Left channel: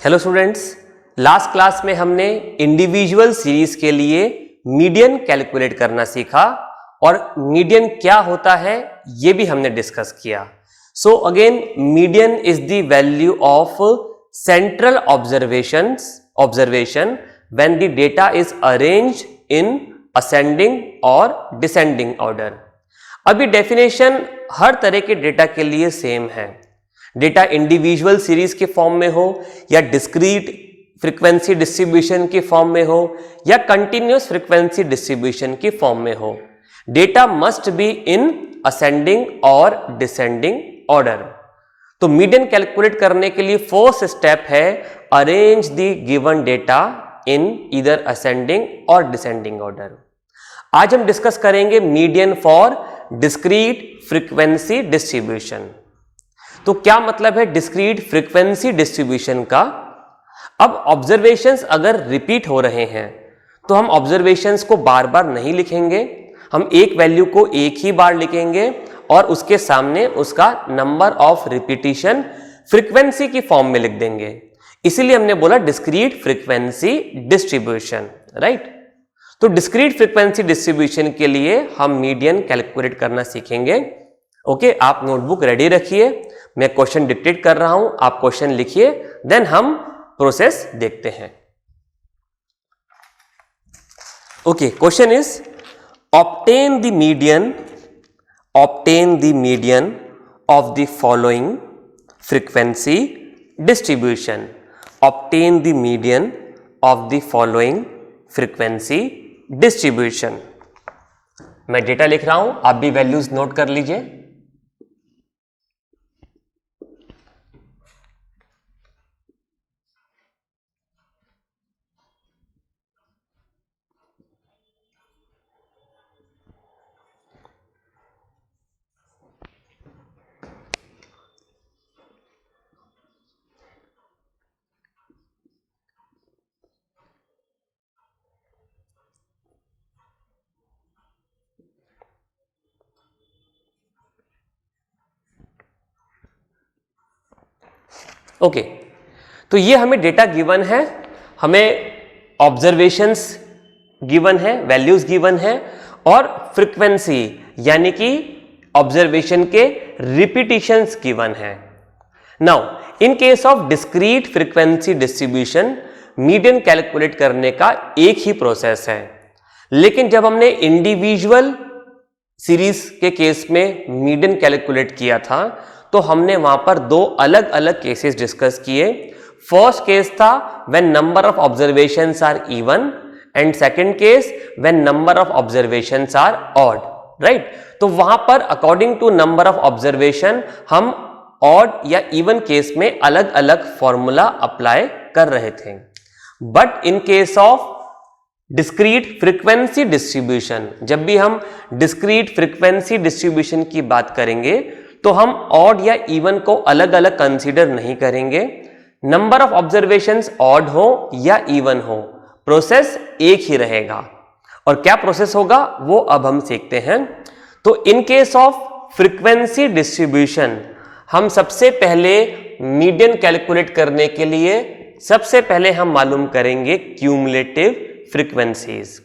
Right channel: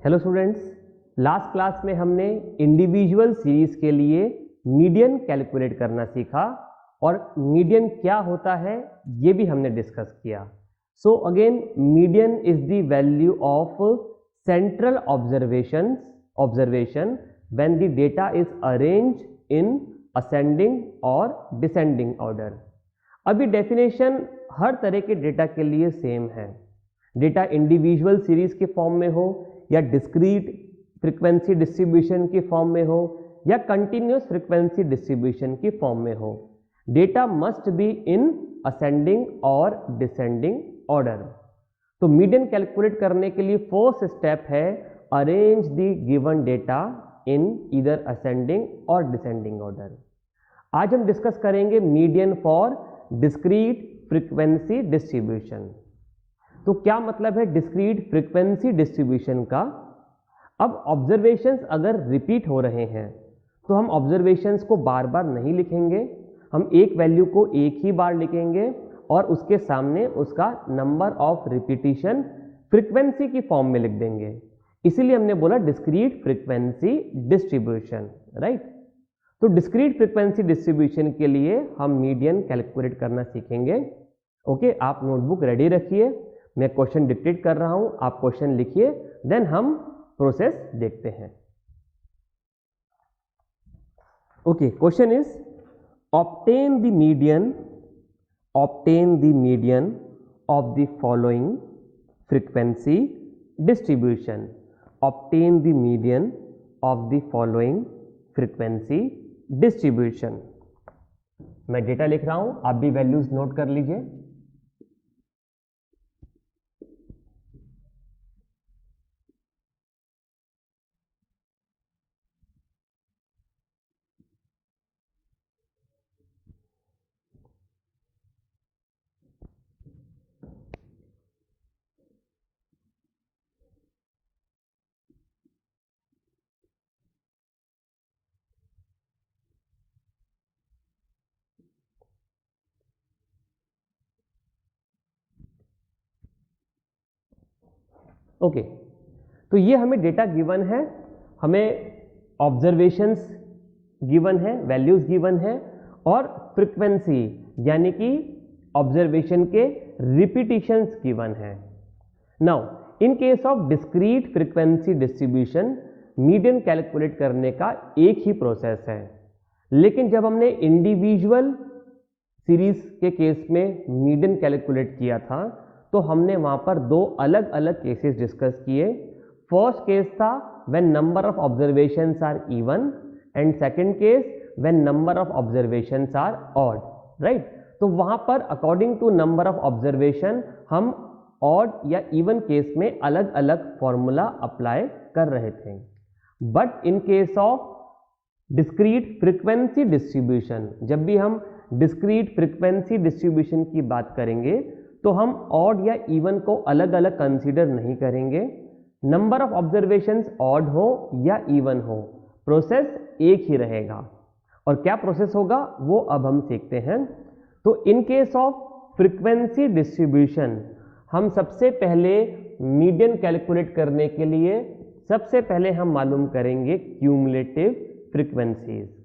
Hello students, last class में हमने individual series के लिए मीडियन कैलकुलेट करना सीखा और मीडियन क्या होता है ये भी हमने डिस्कस किया। So again median is the value of central observation when the data is arranged in ascending और डिसेंडिंग ऑर्डर। अभी डेफिनेशन हर तरह के डेटा के लिए सेम है। डेटा इंडिविजुअल सीरीज के फॉर्म में हो या डिस्क्रीट फ्रीक्वेंसी डिस्ट्रीब्यूशन के फॉर्म में हो या कंटिन्यूअस फ्रीक्वेंसी डिस्ट्रीब्यूशन के फॉर्म में हो, data must be in ascending और डिसेंडिंग ऑर्डर। तो मीडियन कैलकुलेट करने के लिए फर्स्ट स्टेप है arrange the given data in either ascending और डिसेंडिंग ऑर्डर। आज हम डिस्कस करेंगे median for discrete frequency distribution. तो क्या मतलब है डिस्क्रीट फ्रीक्वेंसी डिस्ट्रीब्यूशन का? अब ऑब्जर्वेशंस अगर रिपीट हो रहे हैं तो हम ऑब्जर्वेशंस को बार बार नहीं लिखेंगे, हम एक वैल्यू को एक ही बार लिखेंगे और उसके सामने उसका नंबर ऑफ रिपीटिशन फ्रीक्वेंसी की फॉर्म में लिख देंगे। इसीलिए हमने बोला डिस्क्रीट फ्रीक्वेंसी डिस्ट्रीब्यूशन, राइट। तो डिस्क्रीट फ्रीक्वेंसी डिस्ट्रीब्यूशन के लिए हम मीडियन कैलकुलेट करना सीखेंगे। ओके, आप नोटबुक रेडी रखिए, मैं क्वेश्चन डिक्टेट कर रहा हूं, आप क्वेश्चन लिखिए, देन हम प्रोसेस देखते हैं। Okay, question is obtain the median of the following frequency distribution. Obtain the median of the following frequency distribution. मैं डेटा लिख रहा हूं, आप भी वैल्यूज नोट कर लीजिए। ओके, तो ये हमें डेटा गिवन है, हमें ऑब्जर्वेशंस गिवन है, वैल्यूज गिवन है और फ्रीक्वेंसी यानी कि ऑब्जर्वेशन के रिपीटिशंस गिवन है। Now in case of discrete frequency distribution median calculate करने का एक ही प्रोसेस है, लेकिन जब हमने इंडिविजुअल सीरीज के केस में मीडियन कैलकुलेट किया था तो हमने वहां पर दो अलग अलग केसेस डिस्कस किए। फर्स्ट केस था when number of observations are even and second case when number of observations are odd, right. तो वहां पर according to number of observation हम ऑड या इवन केस में अलग अलग फॉर्मूला अप्लाई कर रहे थे। But in case of discrete frequency distribution, जब भी हम डिस्क्रीट फ्रीक्वेंसी डिस्ट्रीब्यूशन की बात करेंगे तो हम ऑड या इवन को अलग अलग कंसीडर नहीं करेंगे। नंबर ऑफ ऑब्जर्वेशंस ऑड हो या इवन हो, प्रोसेस एक ही रहेगा। और क्या प्रोसेस होगा वो अब हम सीखते हैं। तो इन केस ऑफ फ्रीक्वेंसी डिस्ट्रीब्यूशन हम सबसे पहले मीडियन कैलकुलेट करने के लिए सबसे पहले हम मालूम करेंगे क्यूमुलेटिव फ्रीक्वेंसीज।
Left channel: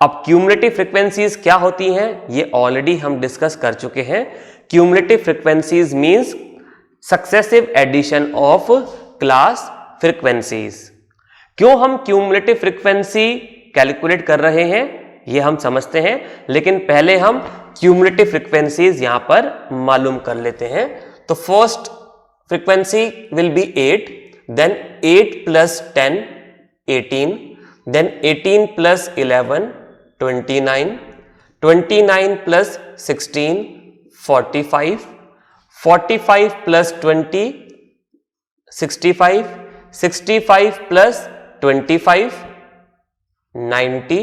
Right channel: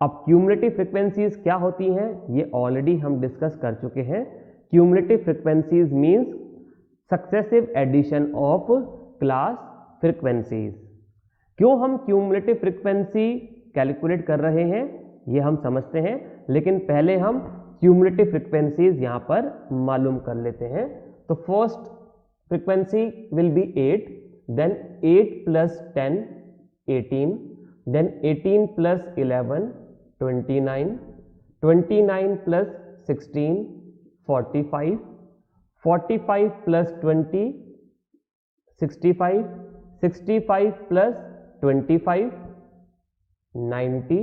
अब क्यूमुलेटिव फ्रीक्वेंसीज क्या होती हैं ये ऑलरेडी हम डिस्कस कर चुके हैं। Cumulative frequencies means successive addition of class frequencies. क्यों हम क्यूमुलेटिव फ्रीक्वेंसी कैलकुलेट कर रहे हैं ये हम समझते हैं, लेकिन पहले हम क्यूमुलेटिव फ्रीक्वेंसीज यहां पर मालूम कर लेते हैं। तो first frequency will be 8, then 8 plus 10 18, then 18 plus 11 29, 29 plus 16 45, 45 plus 20 65, 65 plus 25 90,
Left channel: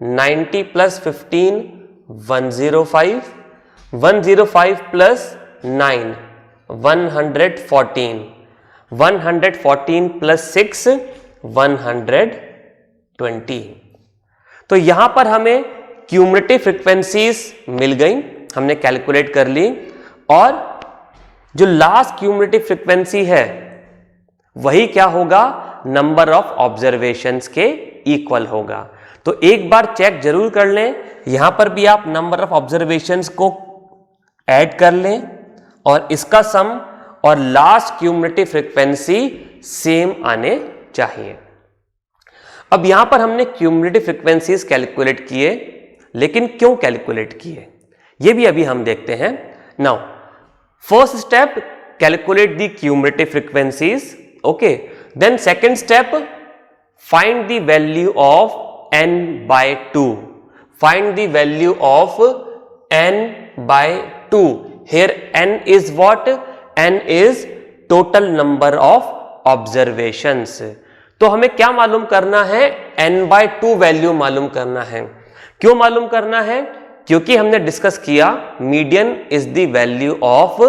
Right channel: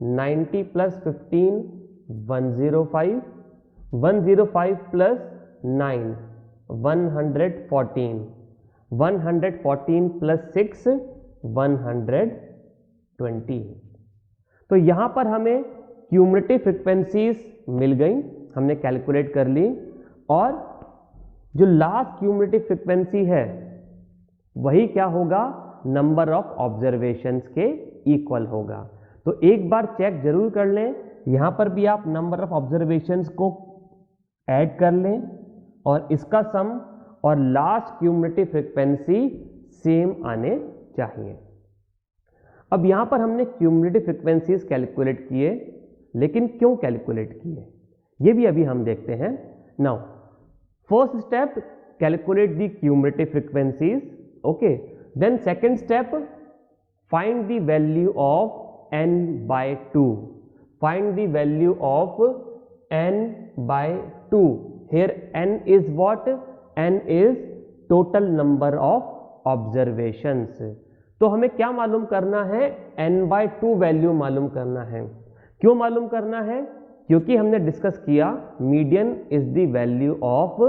90 plus 15 105, 105 plus 9 114, 114 plus 6 120। तो यहां पर हमें क्यूमुलेटिव फ्रीक्वेंसीज मिल गई, हमने कैलकुलेट कर ली। और जो लास्ट क्यूमुलेटिव फ्रीक्वेंसी है वही क्या होगा, नंबर ऑफ ऑब्जर्वेशंस के इक्वल होगा। तो एक बार चेक जरूर कर लें, यहां पर भी आप नंबर ऑफ ऑब्जर्वेशंस को ऐड कर लें और इसका सम और लास्ट क्यूमुलेटिव फ्रीक्वेंसी सेम आने चाहिए। अब यहां पर हमने क्यूमुलेटिव फ्रीक्वेंसीज कैलकुलेट किए, लेकिन क्यों कैलकुलेट किए ये भी अभी हम देखते हैं। Now first step, calculate the cumulative frequencies, okay. Then second step, find the value of n by 2, find the value of n by 2. Here n is what? n is total number of observations. तो हमें क्या मालूम करना है, n by 2 value मालूम करना है। क्यों मालूम करना है, क्योंकि हमने डिस्कस किया median is the value of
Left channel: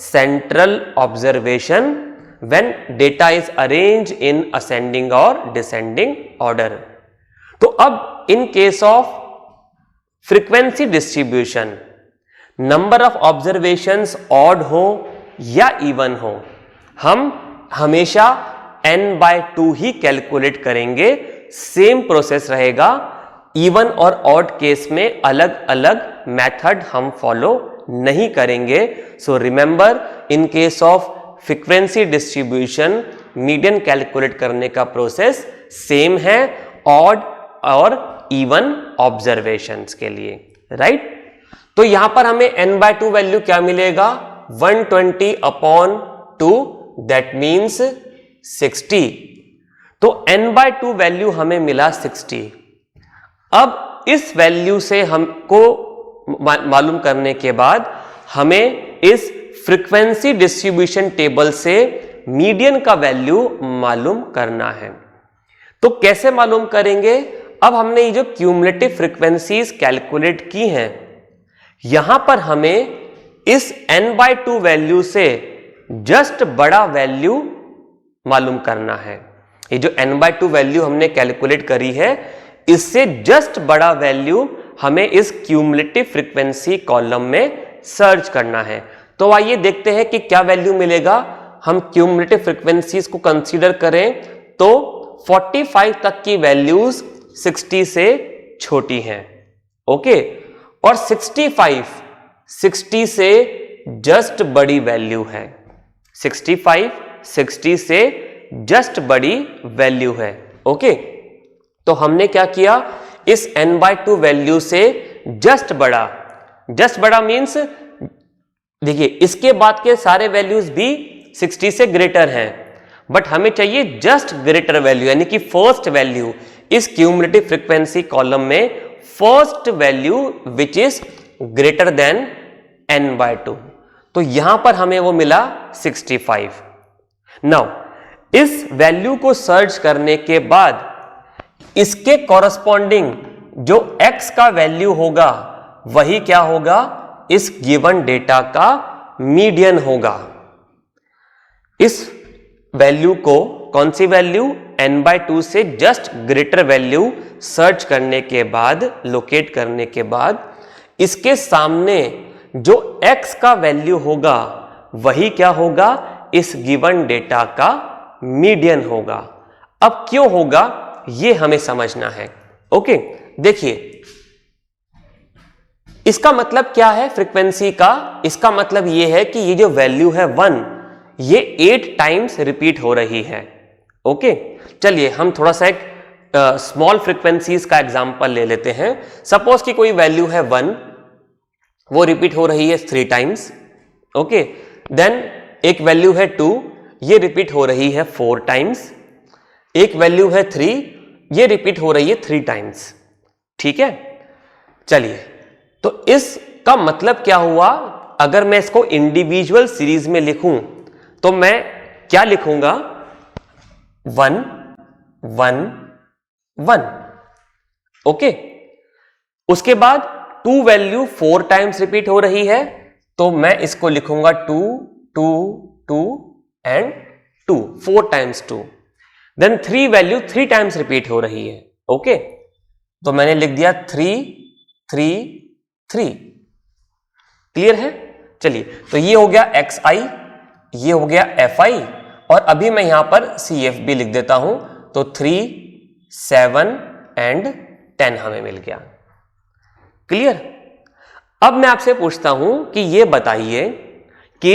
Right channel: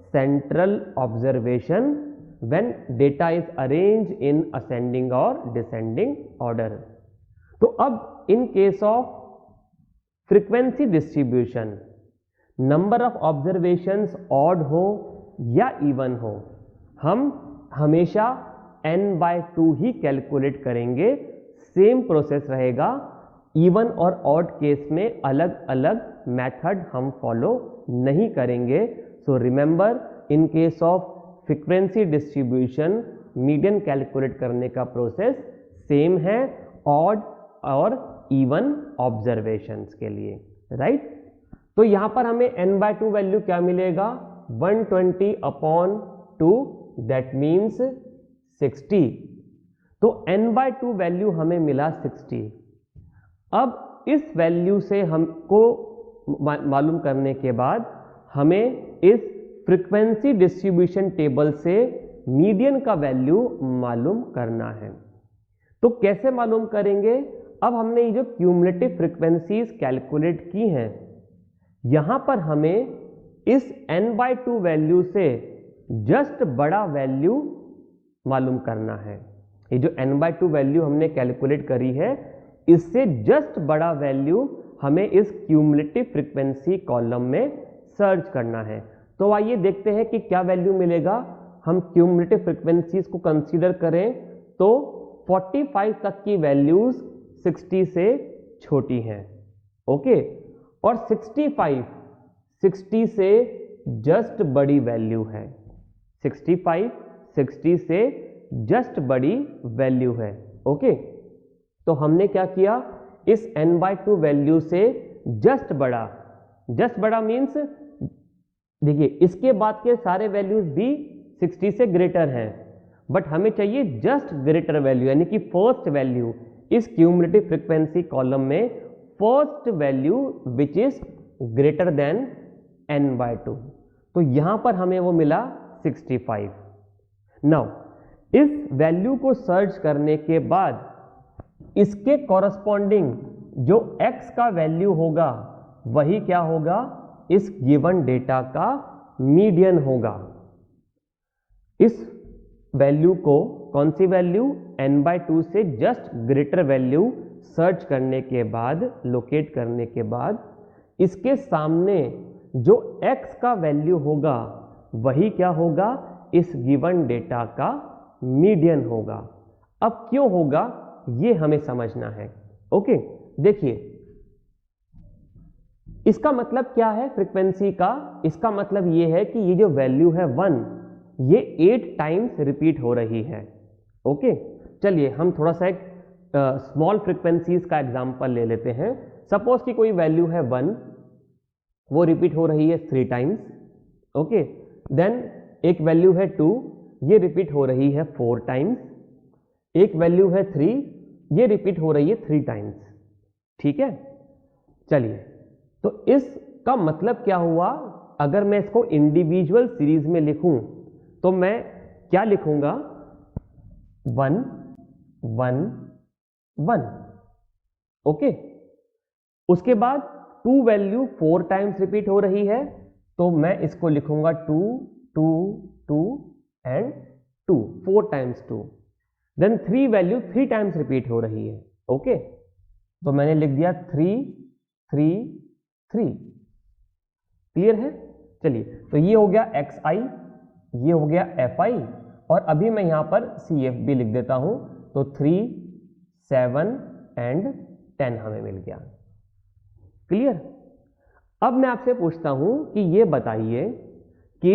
central observation when data is arrange in ascending और डिसेंडिंग ऑर्डर। तो अब इन case of frequency distribution, number of observations odd हो या इवन हो, हम हमेशा n by 2 ही कैलकुलेट करेंगे। सेम प्रोसेस रहेगा, इवन और ऑड केस में अलग अलग मेथड हम फॉलो नहीं करेंगे। So remember, in case of frequency distribution median calculate करने का प्रोसेस सेम है ऑड और इवन ऑब्जर्वेशंस के लिए, राइट। तो यहां पर हमें n by 2 वैल्यू क्या मिलेगा, 120/2, दैट मीन्स 60। तो n by 2 वैल्यू हमें मिला 60। अब इस वैल्यू से हमको मालूम करने के बाद हमें इस फ्रीक्वेंसी डिस्ट्रीब्यूशन टेबल से मीडियन का वैल्यू मालूम करना है। तो कैसे मालूम करेंगे, अब हमने ये जो क्यूमुलेटिव फ्रीक्वेंसीज कैलकुलेट की हैं, यहां पर हमें इस n by 2 वैल्यू से जस्ट बड़ा वैल्यू मालूम करना है। ये जो n by 2 वैल्यू हमने कैलकुलेट करी है, इससे जस्ट बड़ा वैल्यू हमें इस क्यूमुलेटिव फ्रीक्वेंसी कॉलम में सर्च करना है। तो आइए देखते हैं कि क्या वैल्यू मिलेगा। हम क्यूमुलेटिव फ्रीक्वेंसीज को कंसीडर करें तो 45 तक की वैल्यूज 60 से छोटी हैं, ओके। और 65 60 से जस्ट बड़ी वैल्यू है। 65 60 से जस्ट बड़ी वैल्यू है, ओके। तो हमने क्या किया, इस n by 2 वैल्यू से जस्ट बड़ा मीन्स देखिए इसके बाद के सारे वैल्यूज भी 60 से ग्रेटर हैं, बट हमें चाहिए जस्ट ग्रेटर वैल्यू, यानी कि फर्स्ट वैल्यू इस क्यूमुलेटिव फ्रीक्वेंसी कॉलम में, first value which is greater than n by 2। तो यहां पर हमें वो मिला 65। नाउ इस वैल्यू को सर्च करने के बाद इसके कॉरस्पॉन्डिंग जो x का वैल्यू होगा वही क्या होगा, इस गिवन डेटा का मीडियन होगा। इस वैल्यू को, कौन सी वैल्यू, n by 2 से जस्ट ग्रेटर वैल्यू सर्च करने के बाद, लोकेट करने के बाद इसके सामने जो x का वैल्यू होगा वही क्या होगा, इस गिवन डेटा का मीडियन होगा। अब क्यों होगा ये हमें समझना है, ओके। देखिए इसका मतलब क्या है फ्रीक्वेंसी का, इसका मतलब यह है कि ये जो वैल्यू है 1, ये 8 टाइम्स रिपीट हो रही है, ओके। चलिए हम थोड़ा सा एक स्मॉल फ्रीक्वेंसीज का एग्जांपल ले लेते हैं। सपोज कि कोई वैल्यू है 1, वो रिपीट हो रही है 3 टाइम्स, ओके। देन एक वैल्यू है 2, ये रिपीट हो रही है 4 टाइम्स। एक वैल्यू है 3, ये रिपीट हो रही है 3 टाइम्स, ठीक है। चलिए तो इसका मतलब क्या हुआ, अगर मैं इसको इंडिविजुअल सीरीज में लिखूं तो मैं क्या लिखूंगा, 1 1 1, ओके। उसके बाद 2 वैल्यू 4 टाइम्स रिपीट हो रही है, तो मैं इसको लिखूंगा 2 2 2 and 2, 4 times 2। Then 3 value 3 times repeat हो रही है, ओके। तो मैंने लिख दिया 3 3 3। क्लियर है। चलिए तो ये हो गया xi, ये हो गया fi और अभी मैं यहां पर CFB लिख देता हूं, तो 3, 7 एंड 10 हमें मिल गया। क्लियर? अब मैं आपसे पूछता हूं कि ये बताइए कि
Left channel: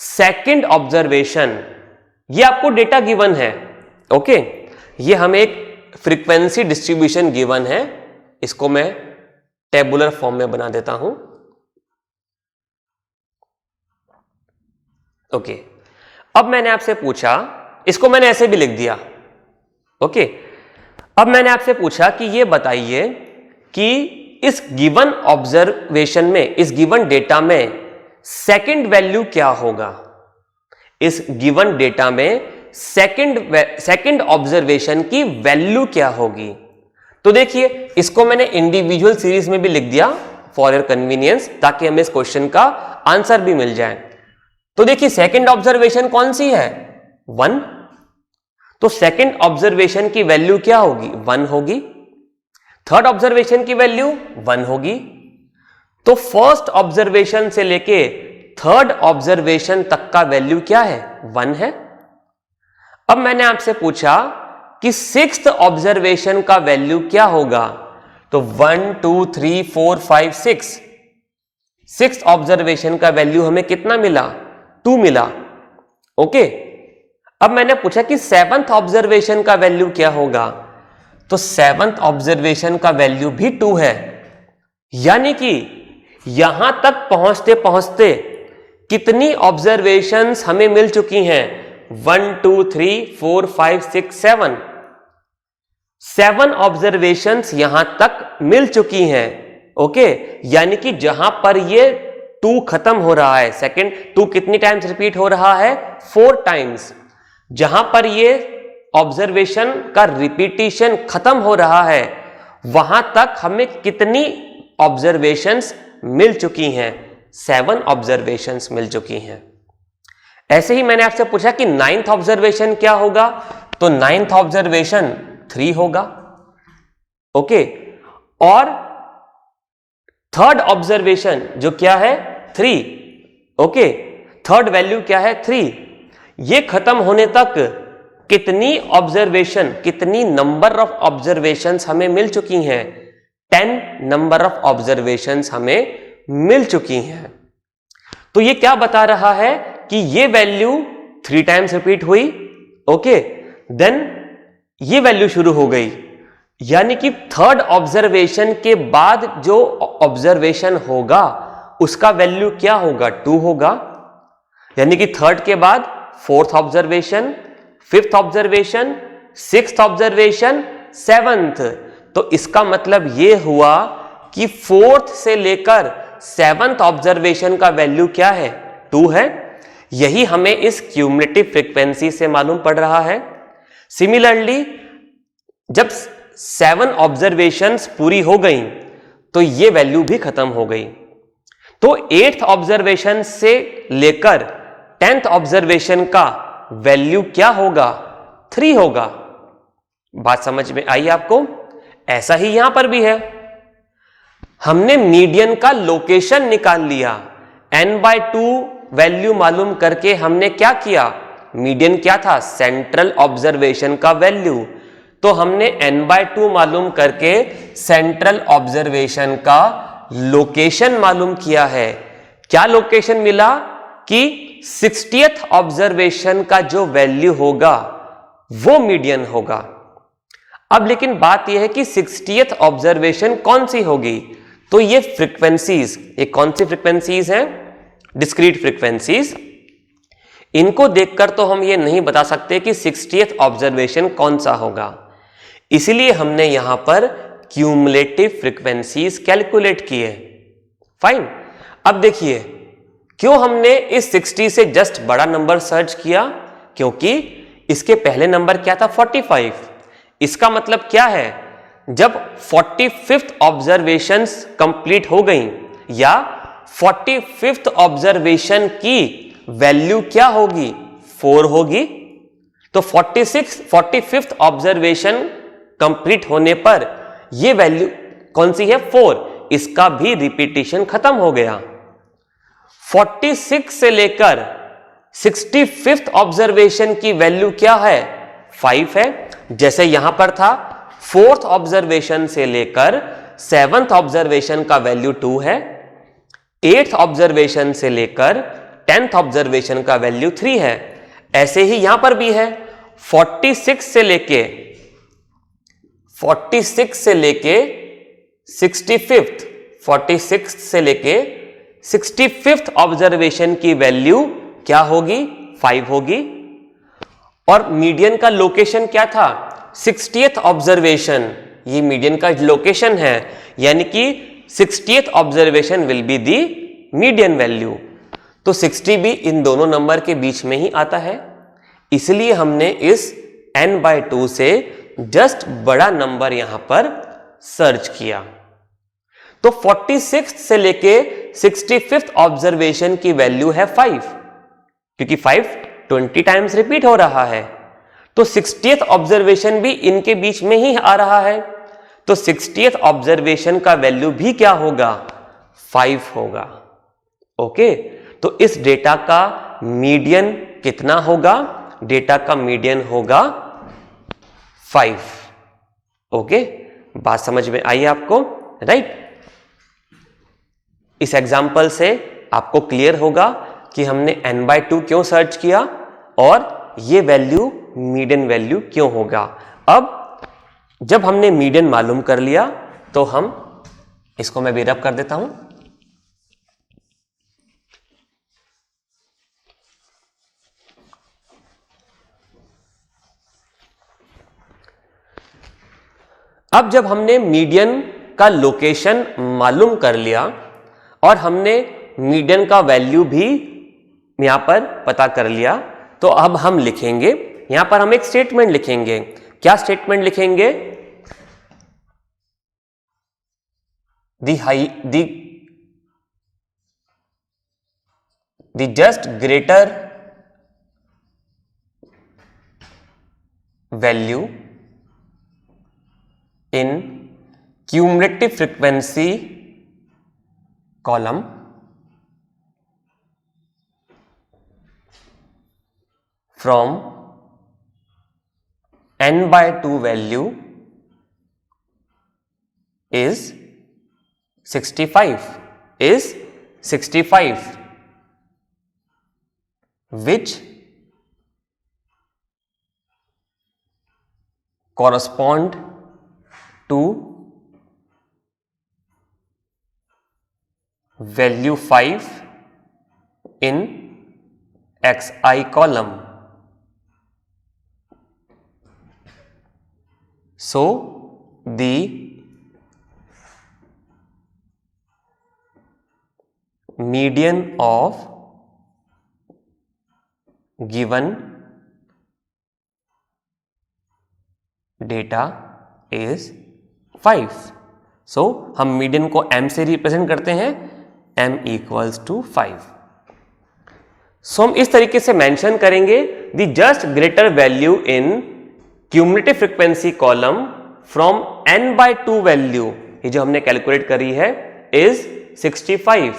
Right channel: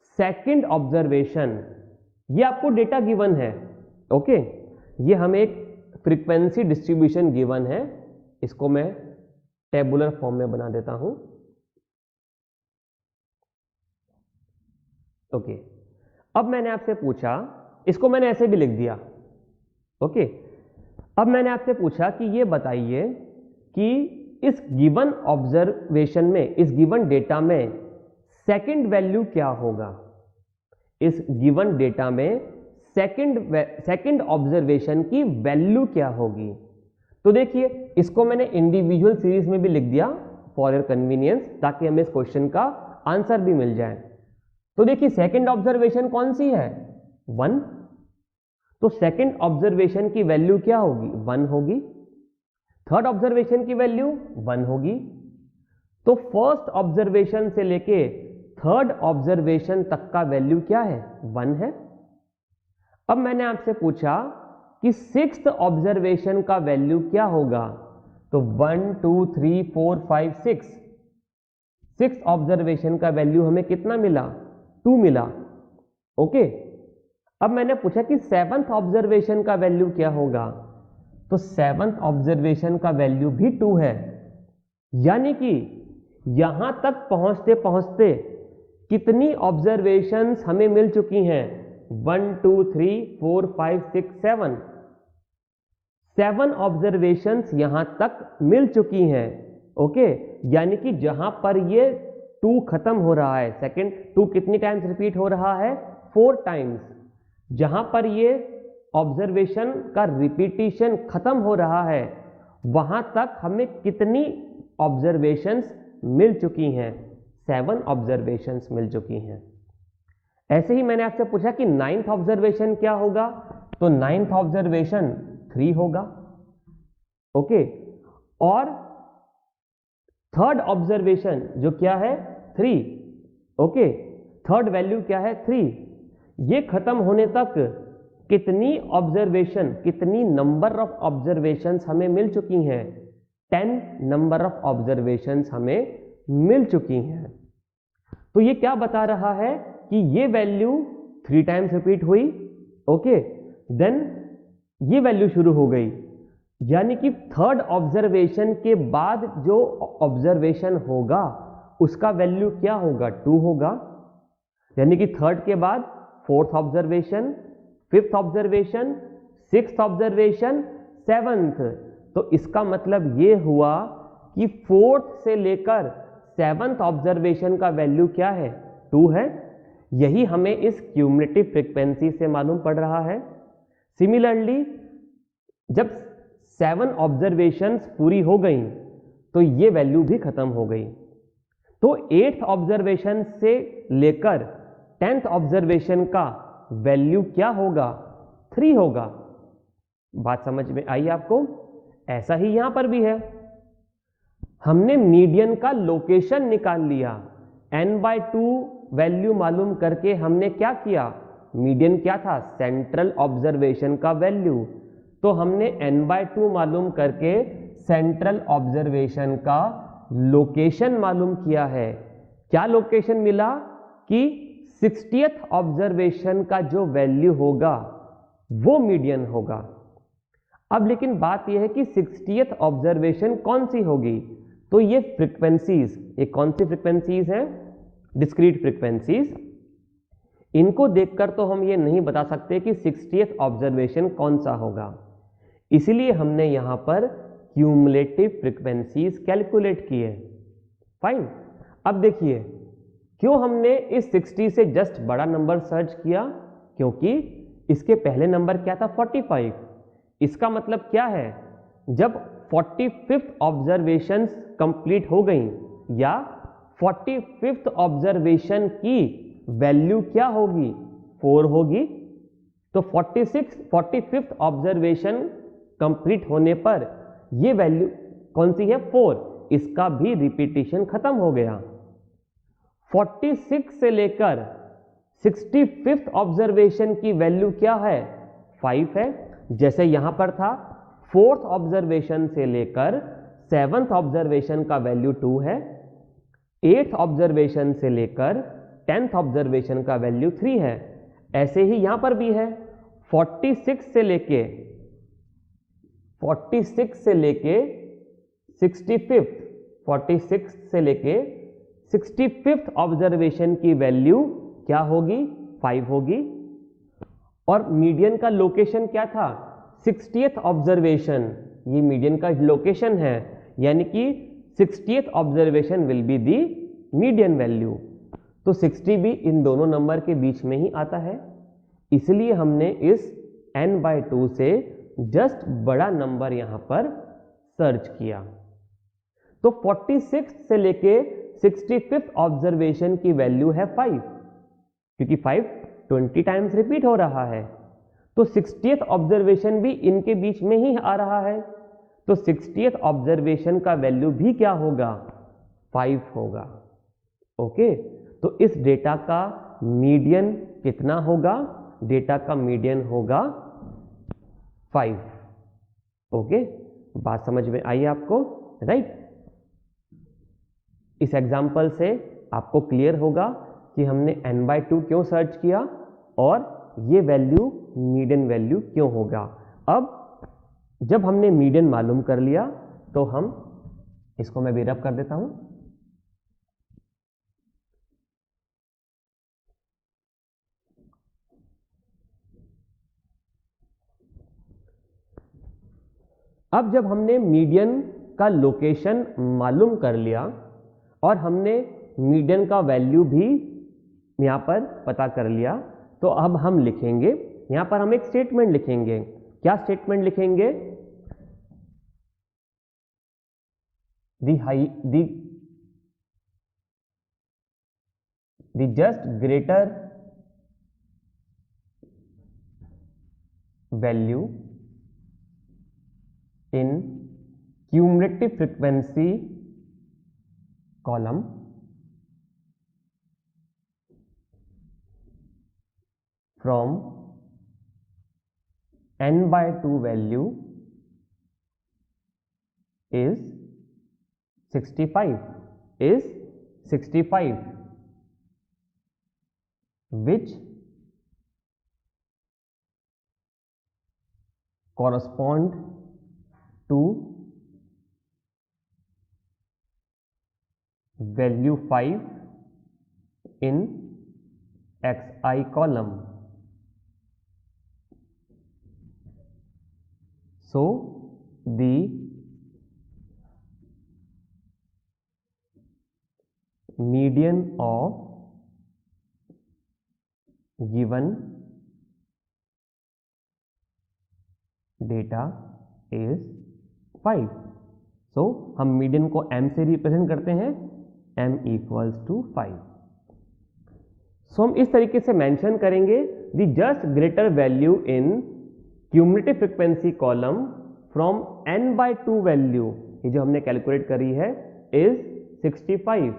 सेकंड ऑब्जर्वेशन, ये आपको डेटा गिवन है, ओके, ये हमें एक फ्रीक्वेंसी डिस्ट्रीब्यूशन गिवन है, इसको मैं टेबुलर फॉर्म में बना देता हूं, ओके। अब मैंने आपसे पूछा, इसको मैंने ऐसे भी लिख दिया, ओके। अब मैंने आपसे पूछा कि ये बताइए कि इस गिवन ऑब्जर्वेशन में, इस गिवन डेटा में सेकंड वैल्यू क्या होगा, इस गिवन डेटा में सेकंड ऑब्जर्वेशन की वैल्यू क्या होगी। तो देखिए, इसको मैंने इंडिविजुअल सीरीज में भी लिख दिया फॉर योर कन्वीनियंस, ताकि हमें इस क्वेश्चन का आंसर भी मिल जाए। तो देखिए, सेकंड ऑब्जर्वेशन कौन सी है? 1। तो सेकंड ऑब्जर्वेशन की वैल्यू क्या होगी? 1 होगी। थर्ड ऑब्जर्वेशन की वैल्यू 1 होगी। तो फर्स्ट ऑब्जर्वेशन से लेके थर्ड ऑब्जर्वेशन तक का वैल्यू क्या है? 1 है। अब मैंने आपसे पूछा कि सिक्स्थ ऑब्जर्वेशन का वैल्यू क्या होगा, तो 1, 2, 3, 4, 5, 6, सिक्स्थ ऑब्जर्वेशन का वैल्यू हमें कितना मिला? 2 मिला, ओके। अब मैंने पूछा कि सेवंथ ऑब्जर्वेशन का वैल्यू क्या होगा, तो सेवंथ ऑब्जर्वेशन का वैल्यू भी 2 है। यानी कि यहां तक पहुंचते पहुंचते कितनी ऑब्जर्वेशंस हमें मिल चुकी हैं? 1, 2, 3, 4, 5, 6, 7, 7 ऑब्जर्वेशंस यहां तक मिल चुकी हैं, ओके। यानी कि जहां पर ये 2 खत्म हो रहा है, सेकंड 2 कितनी टाइम्स रिपीट हो रहा है? 4 टाइम्स। जहां पर ये ऑब्जर्वेशन का रिपीटिशन खत्म हो रहा है, वहां तक हमें कितनी ऑब्जर्वेशंस मिल चुकी हैं? 7 ऑब्जर्वेशंस मिल चुकी हैं। ऐसे ही मैंने आपसे पूछा कि 9th ऑब्जर्वेशन क्या होगा, तो 9th ऑब्जर्वेशन 3 होगा, ओके। और थर्ड ऑब्जर्वेशन जो क्या है? 3, ओके। थर्ड वैल्यू क्या है? 3। ये खत्म होने तक कितनी ऑब्जर्वेशन, कितनी नंबर ऑफ ऑब्जर्वेशंस हमें मिल चुकी हैं? 10 नंबर ऑफ ऑब्जर्वेशंस हमें मिल चुकी हैं। तो ये क्या बता रहा है कि ये वैल्यू 3 टाइम्स रिपीट हुई, ओके, देन ये वैल्यू शुरू हो गई। यानी कि थर्ड ऑब्जर्वेशन के बाद जो ऑब्जर्वेशन होगा उसका वैल्यू क्या होगा? 2 होगा। यानी कि थर्ड के बाद fourth observation, fifth observation, sixth observation, seventh. तो इसका मतलब यह हुआ कि फोर्थ से लेकर सेवंथ ऑब्जर्वेशन का वैल्यू क्या है? 2 है। यही हमें इस क्यूमुलेटिव फ्रीक्वेंसी से मालूम पड़ रहा है। सिमिलरली जब 7 ऑब्जर्वेशंस पूरी हो गई तो ये वैल्यू भी खत्म हो गई। तो 8th ऑब्जर्वेशन से लेकर 10th ऑब्जर्वेशन का वैल्यू क्या होगा? 3 होगा। बात समझ में आई आपको? ऐसा ही यहां पर भी है। हमने मीडियन का लोकेशन निकाल लिया, n/2 वैल्यू मालूम करके हमने क्या किया? मीडियन क्या था? सेंट्रल ऑब्जर्वेशन का वैल्यू। तो हमने n/2 मालूम करके सेंट्रल ऑब्जर्वेशन का लोकेशन मालूम किया है। क्या लोकेशन मिला? कि 60th ऑब्जर्वेशन का जो वैल्यू होगा वो मीडियन होगा। अब लेकिन बात यह है कि 60th ऑब्जर्वेशन कौन सी होगी? तो ये फ्रीक्वेंसीज, ये कौन सी फ्रीक्वेंसीज हैं? Discrete frequencies. इनको देखकर तो हम ये नहीं बता सकते कि 60th ऑब्जर्वेशन कौन सा होगा, इसलिए हमने यहां पर क्यूमुलेटिव फ्रीक्वेंसीज कैलकुलेट किए। फाइन। अब देखिए, क्यों हमने इस 60 से जस्ट बड़ा नंबर सर्च किया? क्योंकि इसके पहले नंबर क्या था? 45। इसका मतलब क्या है? जब 45th ऑब्जर्वेशंस कंप्लीट हो गई या 45th ऑब्जर्वेशन की वैल्यू क्या होगी? 4 होगी। तो 45th ऑब्जर्वेशन कंप्लीट होने पर यह वैल्यू कौन सी है? 4। इसका भी रिपीटिशन खत्म हो गया। 46 से लेकर 65th ऑब्जर्वेशन की वैल्यू क्या है? 5 है। जैसे यहां पर था 4th ऑब्जर्वेशन से लेकर 7th ऑब्जर्वेशन का वैल्यू 2 है, 8th ऑब्जर्वेशन से लेकर 10th ऑब्जर्वेशन का वैल्यू 3 है। ऐसे ही यहां पर भी है 46 से लेके 65th ऑब्जर्वेशन की वैल्यू क्या होगी? 5 होगी। और मीडियन का लोकेशन क्या था? 60th ऑब्जर्वेशन, ये मीडियन का लोकेशन है, यानी कि 60th observation will be the median value. तो 60 भी इन दोनों नंबर के बीच में ही आता है, इसलिए हमने इस n/2 से जस्ट बड़ा नंबर यहां पर सर्च किया। तो 46 से लेके 65th ऑब्जर्वेशन की वैल्यू है 5, क्योंकि 5 20 टाइम्स रिपीट हो रहा है। तो 60th ऑब्जर्वेशन भी इनके बीच में ही आ रहा है, तो 60th ऑब्जर्वेशन का वैल्यू भी क्या होगा? 5 होगा। ओके, तो इस डेटा का मीडियन कितना होगा? डेटा का मीडियन होगा 5। ओके, बात समझ में आई आपको? राइट। इस एग्जाम्पल से आपको क्लियर होगा कि हमने n/2 क्यों सर्च किया और ये वैल्यू मीडियन वैल्यू क्यों होगा। अब जब हमने मीडियन मालूम कर लिया तो हम इसको मैं भी रब कर देता हूं। अब जब हमने मीडियन का लोकेशन मालूम कर लिया और हमने मीडियन का वैल्यू भी यहां पर पता कर लिया, तो अब हम लिखेंगे, यहां पर हम एक स्टेटमेंट लिखेंगे। क्या स्टेटमेंट लिखेंगे? the just greater value in cumulative frequency column from n/2 value is 65, which correspond to value 5 in xi column. So the median of given data is 5. So हम मीडियन को m से represent करते हैं, m equals to 5. सो हम इस तरीके से mention करेंगे the just greater value in cumulative frequency column from n/2 value, ये जो हमने कैलकुलेट करी है, इज 65,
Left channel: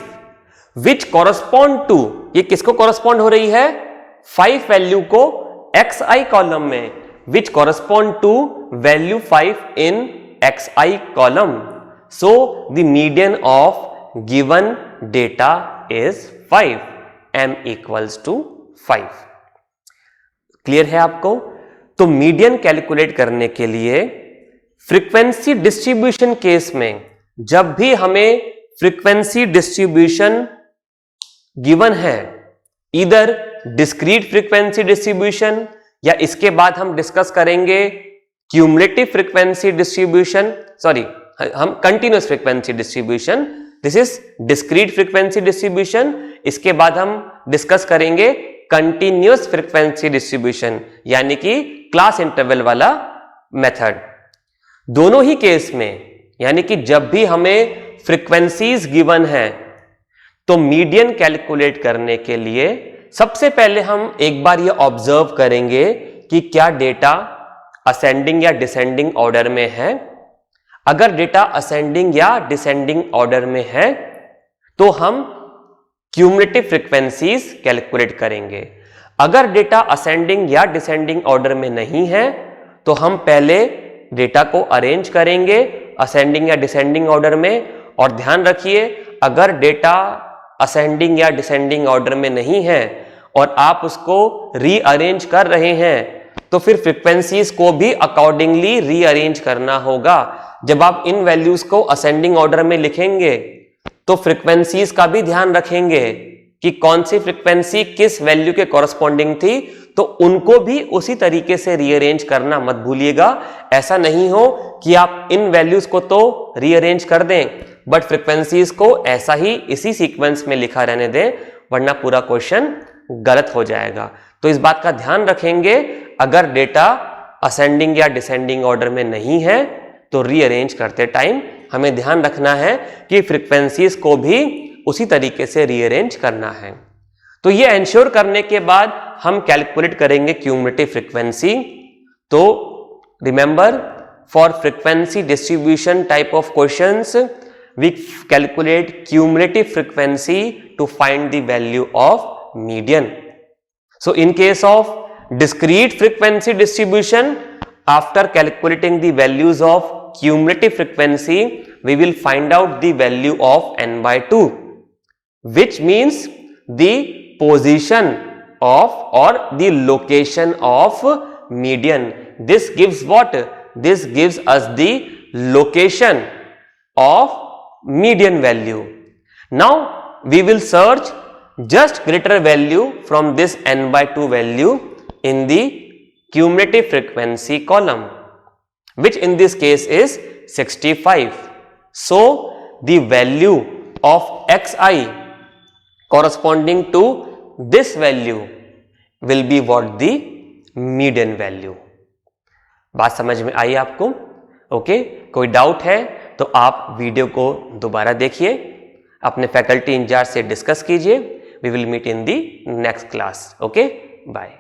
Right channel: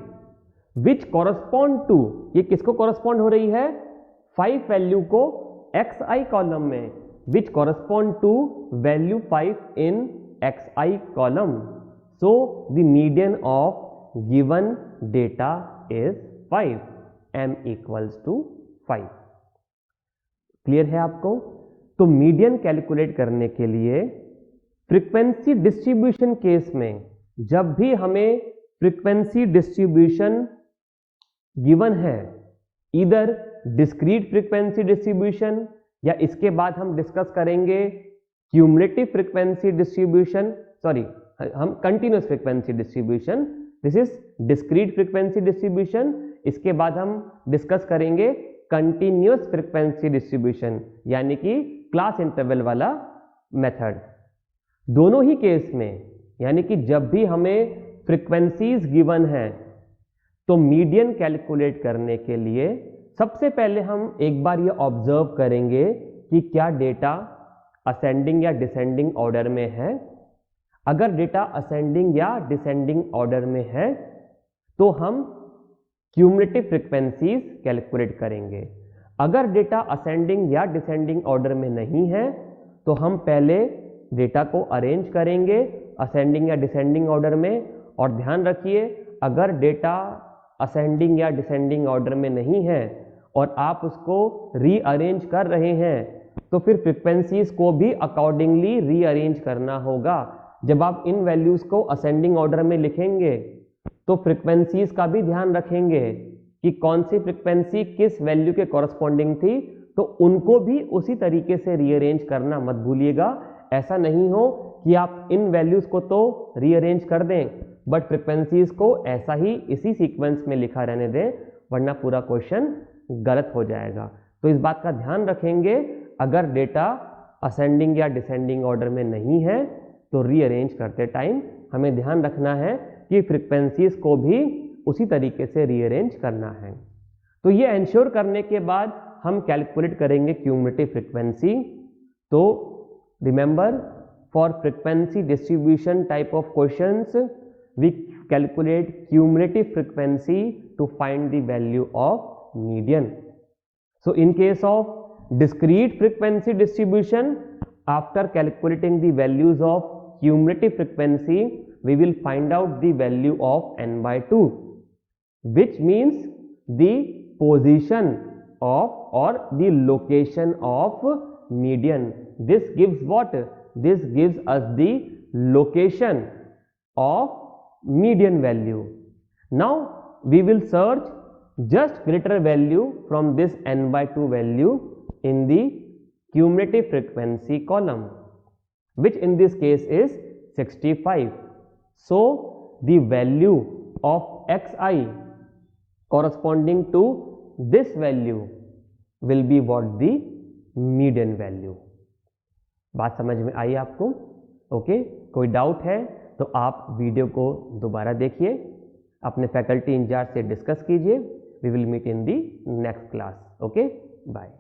विच कॉरस्पॉन्ड टू, ये किसको कॉरस्पॉन्ड हो रही है? 5 वैल्यू को xi कॉलम में, which correspond to value 5 in xi column. So the median of given data is 5, m equals to 5. Clear है आपको? तो मीडियन कैलकुलेट करने के लिए फ्रीक्वेंसी डिस्ट्रीब्यूशन केस में जब भी हमें फ्रीक्वेंसी डिस्ट्रीब्यूशन गिवन है, इधर डिस्क्रीट फ्रीक्वेंसी डिस्ट्रीब्यूशन या इसके बाद हम डिस्कस करेंगे क्यूमुलेटिव फ्रीक्वेंसी डिस्ट्रीब्यूशन, सॉरी हम continuous frequency distribution, this is discrete frequency distribution, इसके बाद हम डिस्कस करेंगे कंटिन्यूअस फ्रीक्वेंसी डिस्ट्रीब्यूशन यानी कि क्लास इंटरवल वाला मेथड. दोनों ही केस में यानी कि जब भी हमें फ्रीक्वेंसीज गिवन है तो मीडियन कैलकुलेट करने के लिए सबसे पहले हम एक बार ये ऑब्जर्व करेंगे कि क्या डेटा असेंडिंग या डिसेंडिंग ऑर्डर में है. अगर डेटा असेंडिंग या डिसेंडिंग ऑर्डर में है तो हम क्यूमुलेटिव फ्रीक्वेंसीज कैलकुलेट करेंगे. अगर डेटा असेंडिंग या डिसेंडिंग ऑर्डर में नहीं है तो हम पहले डेटा को अरेंज करेंगे असेंडिंग या डिसेंडिंग ऑर्डर में। और ध्यान रखिए, अगर डेटा असेंडिंग या डिसेंडिंग ऑर्डर में नहीं है और आप उसको रीअरेंज कर रहे हैं तो फिर फ्रीक्वेंसीज को भी अकॉर्डिंगली रीअरेंज करना होगा। जब आप इन वैल्यूज को असेंडिंग ऑर्डर में लिखेंगे तो फ्रीक्वेंसीज का भी ध्यान रखेंगे कि कौन सी फ्रीक्वेंसी किस वैल्यू के कॉरस्पॉन्डिंग थी, तो उनको भी उसी तरीके से रीअरेंज करना मत भूलिएगा। ऐसा नहीं हो कि आप इन वैल्यूज को तो रीअरेंज कर दें बट फ्रीक्वेंसीज को ऐसा ही इसी सीक्वेंस में लिखा रहने दें, वरना पूरा क्वेश्चन गलत हो जाएगा। तो इस बात का ध्यान रखेंगे, अगर डेटा असेंडिंग या डिसेंडिंग ऑर्डर में नहीं है तो रीअरेंज करते टाइम हमें ध्यान रखना है कि फ्रीक्वेंसीज को भी उसी तरीके से रीअरेंज करना है। तो ये एंश्योर करने के बाद हम कैलकुलेट करेंगे क्यूमुलेटिव फ्रीक्वेंसी। तो remember, for frequency distribution type of questions we calculate cumulative frequency to find the value of median. So in case of discrete frequency distribution, after calculating the values of cumulative frequency, we will find out the value of n/2, which means the position of or the location of median. This gives what? This gives us the location of median value. Now we will search just greater value from this n/2 value in the cumulative frequency column, which in this case is 65. So the value of xi corresponding to this value will be what? The median value. बात समझ में आई आपको? Okay, कोई doubt है तो आप video को दोबारा देखिए, अपने फैकल्टी इंचार्ज से डिस्कस कीजिए। We will meet in the next class. Okay, bye.